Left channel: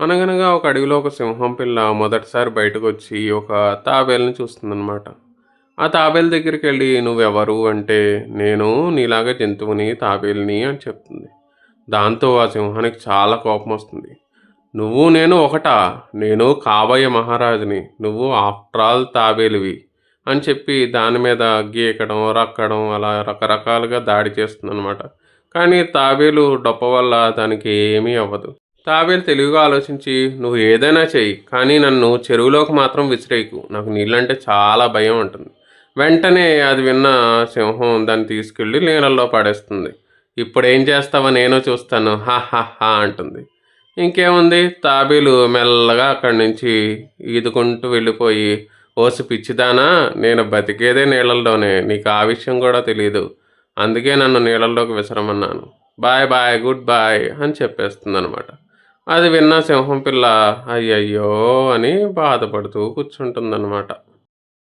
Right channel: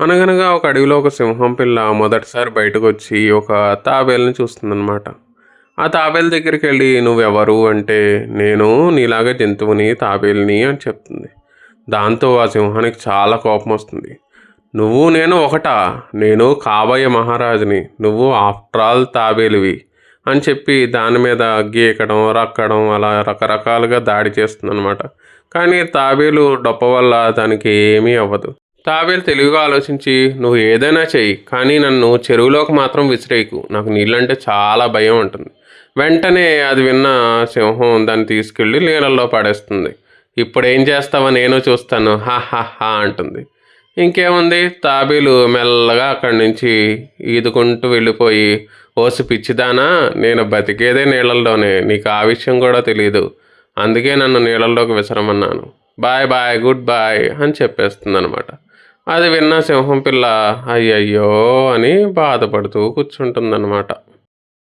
అనగనగా ఒక అడవిలో ఒక సింహం పిల్ల మొదటిసారి బయటకు వచ్చి ఒక తాబేలుని చూస్తుందన్నమాట. ఆ తాబేలు దగ్గరికి వెళ్ళి నువ్వెవరు? అంటే నేను నీలాగా జంతువుని తాబేలిని అని చెప్తుంది. దాంతో ఆ సింహానికి చాలా కోపం వస్తుంది. నువ్వు నేను ఒకటా? నేను కాబోయే మహారాజుని. నువ్వు ఆఫ్టర్ ఆల్ తాబేలువి అని చెప్పి దాని మీద గీకడం రక్కడం అలా రకరకాలుగా దాడి చేస్తుందన్నమాట. కానీ తాబేలు డొప్ప వల్ల దానికి ఏమీ అవ్వదు. తాబేలు తెలివిగా ఆలోచించి నువ్వు ఏదైనా చెయ్యి కానీ నన్ను చెరువులోకి మాత్రం విసిరేయకు. నాకు నీళ్ళంటే చాలా భయం ఉంటుంది వెంటనే అది విన్న సింహం దాన్ని తీసుకెళ్ళి నీళ్ళల్లో పడేస్తుంది. ఇప్పుడు ఏం చేస్తావో నేను చూస్తాను. హా హా హా అంటుంది. ఇంకేముంది? తాబేలు మెల్లగా అక్కడి నుంచి ఈదుకుంటూ వెళ్ళిపోయి ఓసి పిచ్చిదానా నేను బతికేదే నీళ్ళల్లోనే. నీకు ఆ విషయం కూడా తెలియదు అందుకే నన్ను నీళ్ళల్లోకి విసరమన్నాను. బాయ్ బాయ్ గుడ్ బాయ్ అని చెప్పేస్తుంది అనమాట అది విన్న సింహం పిల్ల అయ్యయ్యో అని బాధపడుతూ కూర్చుంటుందన్నమాట.